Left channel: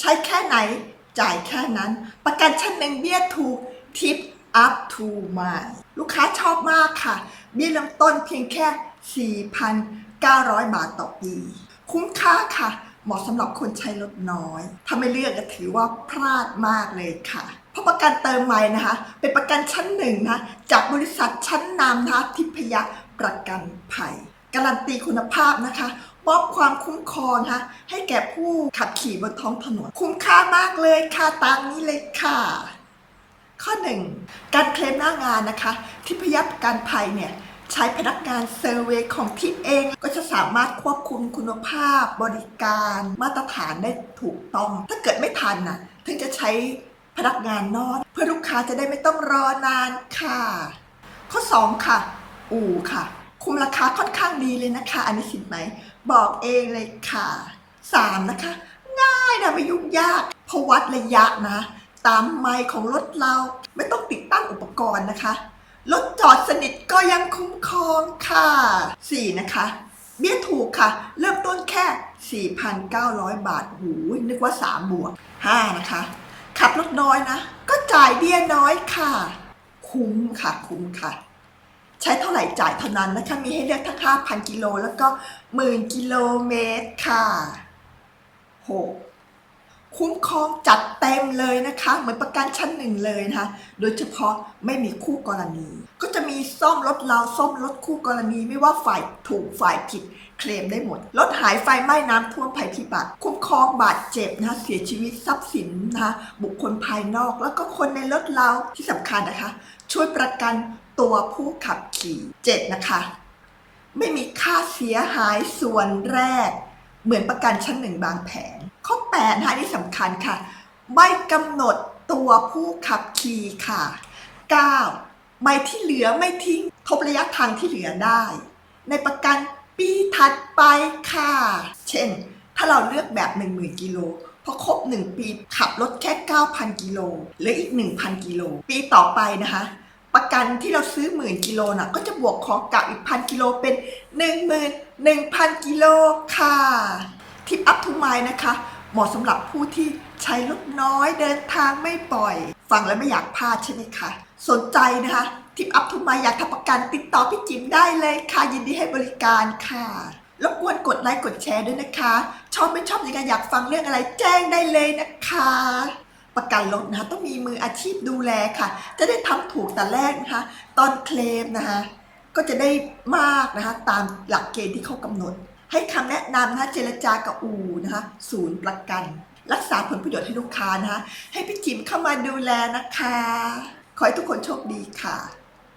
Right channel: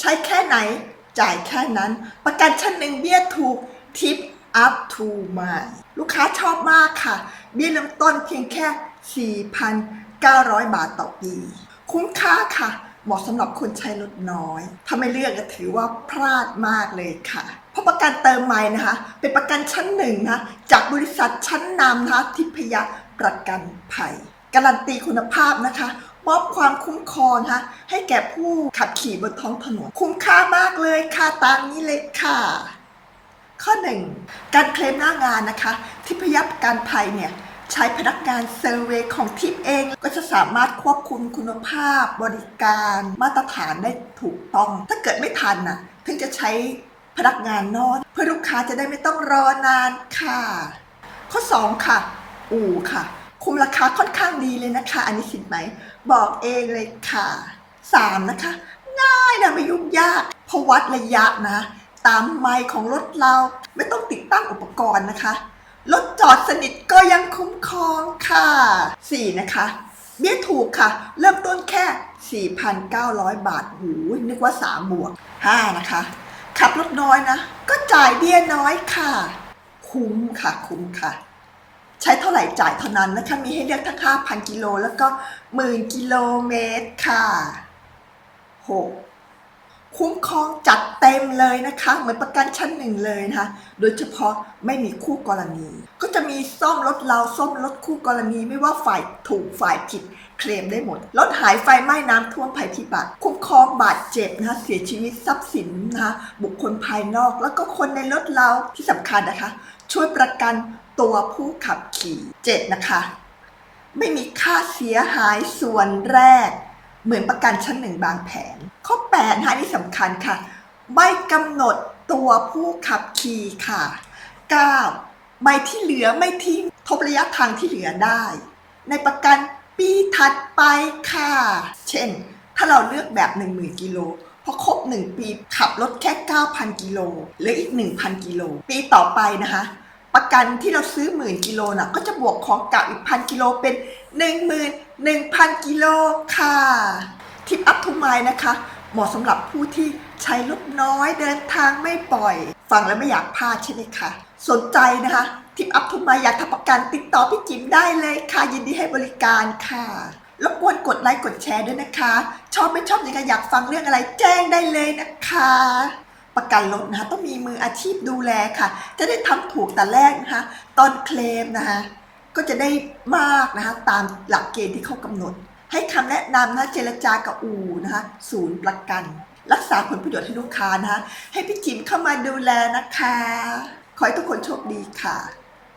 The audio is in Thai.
ใช้แค่ไหน จ่ายแค่นั้น ประกันชั้นหนึ่งเบี้ยถูกทิป up to มาลูกค้าชอบมากค่ะ เบี้ยเริ่มต้นเพียงแค่ 4,900 บาทต่อปี คุ้มค่าค่ะ เหมาะสำหรับคนใช้รถน้อย ถ้าไม่เลือกก็ถือว่าพลาดมากเลยค่ะ เพราะประกันเติมใหม่นะคะ เป็นประกันชั้นหนึ่งนะ จากบริษัทชั้นนำนะคะทิพยประกันภัย การันตีคุณภาพนะคะมอบความคุ้มครองนะคะให้แก่ผู้ขับขี่บนท้องถนน คุ้มค่ามากเลยค่ะตามนี้เลยค่ะ ข้อ 1 การเคลมหน้างานนะคะทิพยประกันภัยเนี่ยใช้พนักงานเซอร์เวยของทิพย์เอง ก็จะสามารถควบคุมคุณภาพ บริการมาตรฐานได้ถูกต้อง ถ้าเกิดไม่ทันน่ะ ถึงจะใช้พนักงานนอกเพื่อลูกค้าจะได้ไม่ต้องรอนานค่ะ ข้อ 2 ค่ะ อู่ค่ะ คุมราคาค่อนข้างดีเลยนะคะ อันนี้สิทธิ์ไหม บอกเองเลยค่ะ 3 นะคะ ง่ายนะไม่ยุ่งยากเพราะวัดระยะนะ ตามไมล์ของรถเราไม่ต้องติดตั้งอุปกรณ์นะคะรถจอดสนิทก็ยังคุ้มครองค่ะ 4 นะคะ เบี้ยถูกค่ะ เริ่มต้นแค่ 4,900 บาทหูนึกว่า 3 บวก 5 นะคะ ขับรถน้อยนะ ก็จ่ายเบี้ยน้อยค่ะ คุ้มค่ะ คุ้มค่ะ ใช้เท่าไหร่จ่ายเท่านั้นนะคะ มีให้เลือกทั้งค่าพันกิโลแล้วก็หมื่นกิโลเมตรค่ะ6 คุ้มครองจัดเต็มเลยนะคะ เหมือนประกันชั้นหนึ่งเลยนะคะ โดยเฉพาะไม่มีคู่กรณี ก็จะมีซ่อมรถเราซ่อมรถคู่กรณีไม่ว่าฝ่ายถูกฝ่ายผิดเคลมได้หมดรถหายไฟไหม้น้ำท่วมภัยพิบัติ คุ้มครองบาดเจ็บนะคะเสียชีวิตทรัพย์สินนะคะบุคคลภายนอก แล้วก็คนในรถเราที่สำคัญนะคะ ช่วยประกันตัวผู้ขับขี่ 7 นะคะ ไม่มีค่าเสียหายส่วนแรก เหมือนประกันชั้นหนึ่งบางแผน ข้อ8นะคะนี่สำคัญค่ะ ไม่กำหนดตัวผู้ขับขี่ค่ะ 9. ใบที่เหลือไม่ทิ้งทบระยะทางที่เหลือได้ ในประกันปีถัดไปค่ะ เช่น ถ้าเราเลือกแบบ 10,000กิโลพอครบ 1 ปีขับรถแค่ 9,000 กิโลหลืออีก 1,000 กิโล ปีต่อไปนะคะ ประกันที่เราซื้อหมื่นกิโลน่ะก็จะบวกของเก่าอีกพันกิโลเป็น11,000กิโลค่ะ ทิปอัพทูไมนะคะ เหมาะสำหรับผู้ที่ใช้รถน้อยเดินทางไม่บ่อย ฟังแล้วไม่อยากพลาดใช่ไหมคะสนใจนะคะทิปอัพทูไมอยากทำประกันติดต่อพี่จิมได้เลยค่ะ ยินดีให้บริการค่ะรบกวนกดไลค์กดแชร์ด้วยนะคะ ชอบไม่ชอบยังไงอยากฟังเรื่องอะไรแจ้งได้เลยนะคะ ประกันรถนะคะต้องมีมืออาชีพดูแลค่ะ จะได้ทำถูกแต่แรกนะคะ ตอนเคลมนะคะก็จะได้มากนะคะตามหลักเกณฑ์ที่เขากำหนด ให้คำแนะนำนะเจรจากับอูนะคะศูนย์ประกัน รักษาผลประโยชน์ให้ลูกค้านะคะให้พี่จิมเข้ามาดูแลนะคะ ขอให้ทุกคนโชคดีค่ะ